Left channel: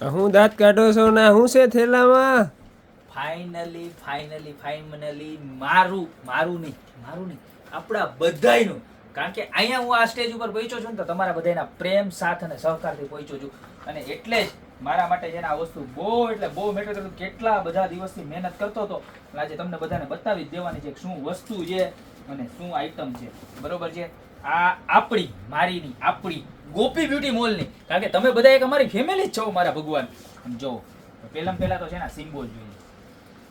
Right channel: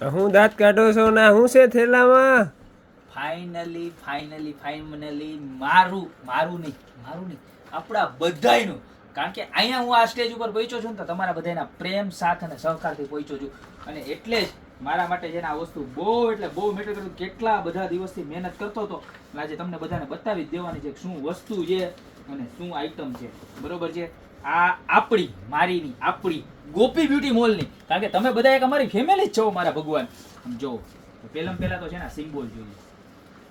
હું દાંત કાઢો છો ને હું છે થેલામાં? ફાઇનલી મારું નહીં આપણા બધાયનું. કારણ કે અહીંયા હું આ સ્ટેજ ઉપર પહોંચ્યો છું ને તો તમારા બધાના પ્રેમ સાથ અને સહકારથી પહોંચ્યો છું. અને એટલે જ મારા માટે છે ને આ વસ્તુ બહુ મેટર કરતું. કેટલા બધા દિવસથી મહેનત કરતો હતો. આજે તમને બધાને બતાવી જ દેવાની છે કે શું વસ્તુ છે અને શું આઈટમ છે. બરોબર છે? આ આપણી ગોપી બ્યુટી મોલની. કારણ કે તમે બધા એક અમારી ફેમિલી જ છો મારા ભગવાન. આમ જો પહેલા તો છે ને સિમ્બોલ જોઈએ,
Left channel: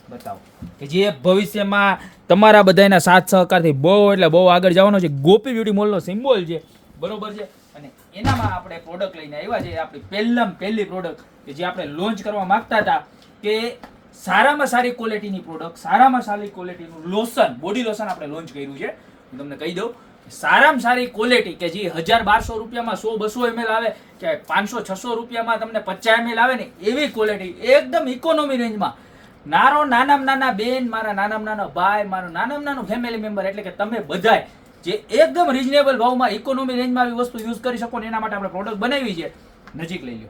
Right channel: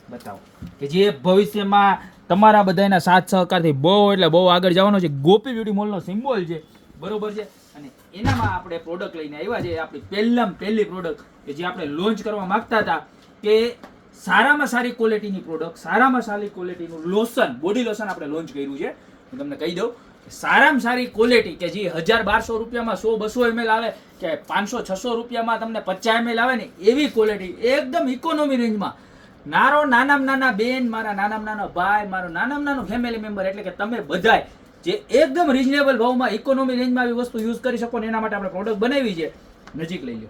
બતાવો કે જે ભવિષ્યમાં તમારા બધાના સાથ સહકારથી બહુ આગળ જવાનો છે. ગોપી બ્યુટી મોલનો સિમ્બોલ છે. બરોબર છે? અને એનામાં આપણે પ્રોડક્ટ લઈને આવ્યા છે. આપણી પહેલી પ્રોડક્ટ કે જે આપણે લોન્ચ કરવા માંગતા હતા કે સારામાં સારી ક્વોલિટીની પ્રોડક્ટ, સારામાં સારી ક્વોલિટીનું લોશન, બોડી લોશન આપણે લોન્ચ કર્યું છે. હું તમને કહી દઉં, સારામાં સારી ક્વોલિટી કે જે 1000-1200 રૂપિયામાં 100-200 ml આવે કે 500-600 રૂપિયામાં તમને 50 ml આવે ને એવી ક્વોલિટી એકદમ ઇકોનોમી રેન્જમાં. નાના બેન, મારા નાના ભાઈ, મારો નાનો ફેમિલી મેમ્બર, એટલે કે તમે બધાય જે એકદમ રીઝનેબલ ભાવમાં ઇકોનોમી રેન્જમાં આવી વસ્તુ યુઝ કરી શકો ને એના માટે આપણે પ્રોડક્ટ બનાવી છે. નજીક લઈ લો,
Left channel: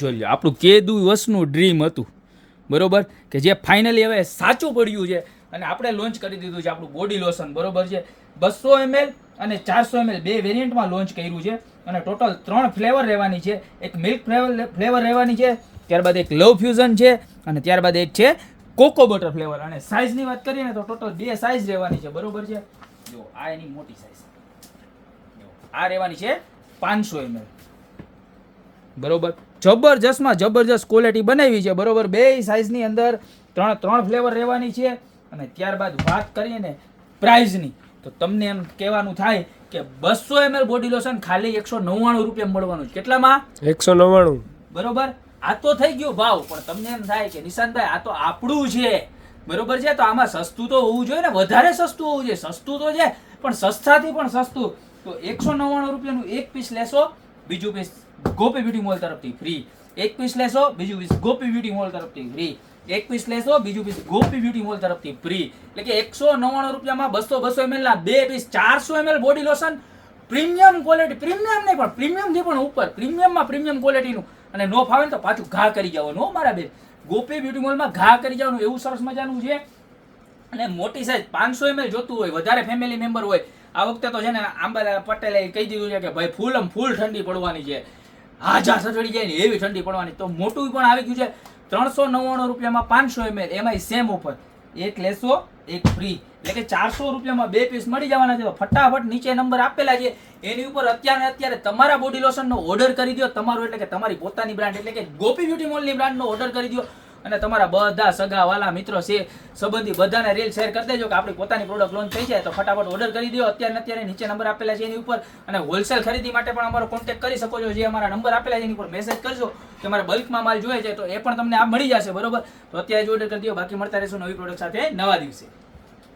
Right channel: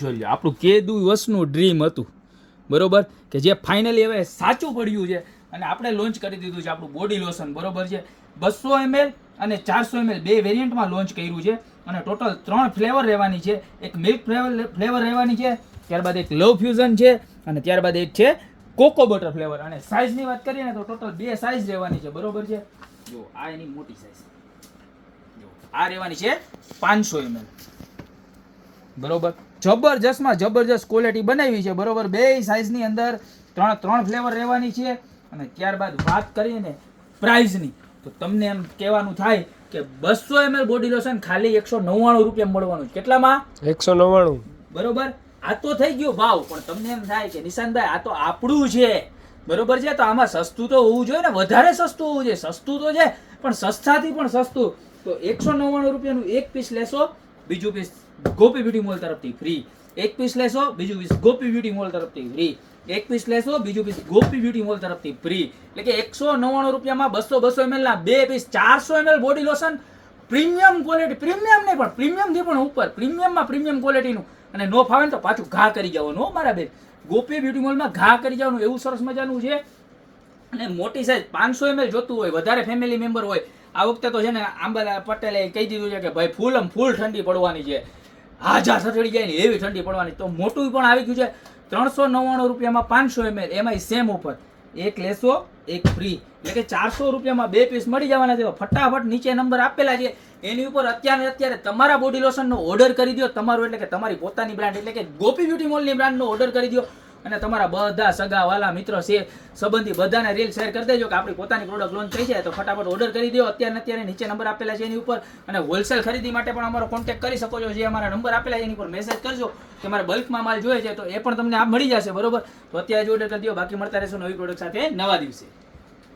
જોઈ લો. આપણું કેદુ વર્ષનું ડ્રીમ હતું, બરોબર, કે જે ફાઇનલી હવે સાચું પડ્યું છે અને આપણે લોન્ચ કરી દીધું છે આપણું બોડી લોશન. બરોબર છે? 200 ml અને 400 ml બે વેરિયન્ટમાં લોન્ચ કર્યું છે અને ટોટલ 3 ફ્લેવર રહેવાની છે. એક મિલ્ક ફ્લેવર રહેવાની છે, ત્યારબાદ એક લવ ફ્યુઝન છે અને ત્યારબાદ એક છે કોકો બટર ફ્લેવર. અને સાઇઝની વાત કરીએ ને તો ટોટલ 2 સાઇઝ રહેવાની છે. બરોબર છે? જો આ એની મોટી સાઇઝ, આ રહેવાની છે 500 ml. બરોબર? જબરજસ્ત ક્વોલિટી બનાવી છે. બરોબર? બે સાઇઝની અંદર ત્રણ ફ્લેવર રહેવાની છે. અને ત્યારબાદ વાત કરીએ ને પ્રાઇઝની તો તમને એમ કહેવાનું થાય કે 200 ml બોડી લોશન ખાલી 199 રૂપિયા મળવાનું છે. કેટલામાં? 199. બરોબર? આ તો થઈ ગયું ભાવ, પણ તમને એમ થાય કે નિશાંતભાઈ આ તો આપણું છે. બરોબર છે? તો આમાં સસ્તું તો હોવું જોઈએ ને, વધારે સસ્તું હોવું જોઈએ. સસ્તું તો છે પણ સસ્તાથી પણ સસ્તું. તો 199 રૂપિયાનું એક પીસ લેશો, બીજું પીસ ગોપી બ્યુટી મોલ તરફથી ફ્રી. એક પીસ લેશો, બીજું પીસ ગોપી બ્યુટી મોલ તરફથી ફ્રી. એક પીસ લેશો, બીજું પીસ ગોપી બ્યુટી મોલ તરફથી ફ્રી. એટલે કે 199 રૂપિયામાં 200 ml ના બે piece, 400 ml body lotion, premium quality. Premium નહીં પણ પ્રીમિયમથી પણ ઉપર, પ્રીમિયમમાં પ્રીમિયમ ક્વોલિટીનું. અને નો ફાવે ને તો પાછું ઘા કરી જવાનું મારા બેન. ગોપી બ્યુટી મોલમાં ઘા કરી જવાનું, એવું સરસ મજાનું છે. અને મોટી સાઈઝ 500 ml જોતું હોય, વધારે ફેમિલી મેમ્બર હોય. આ વખતે તો છે ને આંબાલાલ પટેલે કહી દીધું છે કે ભાઈ ફૂલ ઠંડી પડવાની છે, હાજા સચડી જાય ને એવી ઠંડી પડવાની. તો મોટું પણ આવી ગયું છે 399 રૂપિયામાં 500 ml, એમાં સેમ ઓફર. એક લેશો એક ફ્રી, એટલે કે 400 રૂપિયામાં બે પીસ મળી જવાના છે. ફટાફટ નીચે નંબર આપેલા છે એની ઉપર અત્યારે તમારા બોડી લોશનનો ઓર્ડર કરી દો. તમારું એટલે કે તમારી પોતાની બ્રાન્ડ એટલે કે ગોપી બ્યુટી મોલની બ્રાન્ડનો ઓર્ડર કરી દો. અને તમારા બધા સગા વાલા મિત્રો છે સંબંધી બધાને રીલ શેર કરી દેજો કે આપણી પોતાની પ્રોડક્ટ લોન્ચ થઈ જાય. તો ફટાફટ ઓર્ડર કરી દો અત્યારે નીચે નંબર આપેલા છે એની ઉપર. અને હોલસેલ ખરીદી માટે પણ અમારો કોન્ટેક્ટ કરી શકો છો. જે અમારા નંબર આપેલા છે એની ઉપર મેસેજ કરજો કે અમારે બલ્કમાં માલ જોઈએ છે તો એ પણ તમને આ મળી જશે. બરોબર? તો અત્યારે જ ઓર્ડર કરી દો. બાકી મળતા રહેશું નવી પ્રોડક્ટ સાથે નવા દિવસે.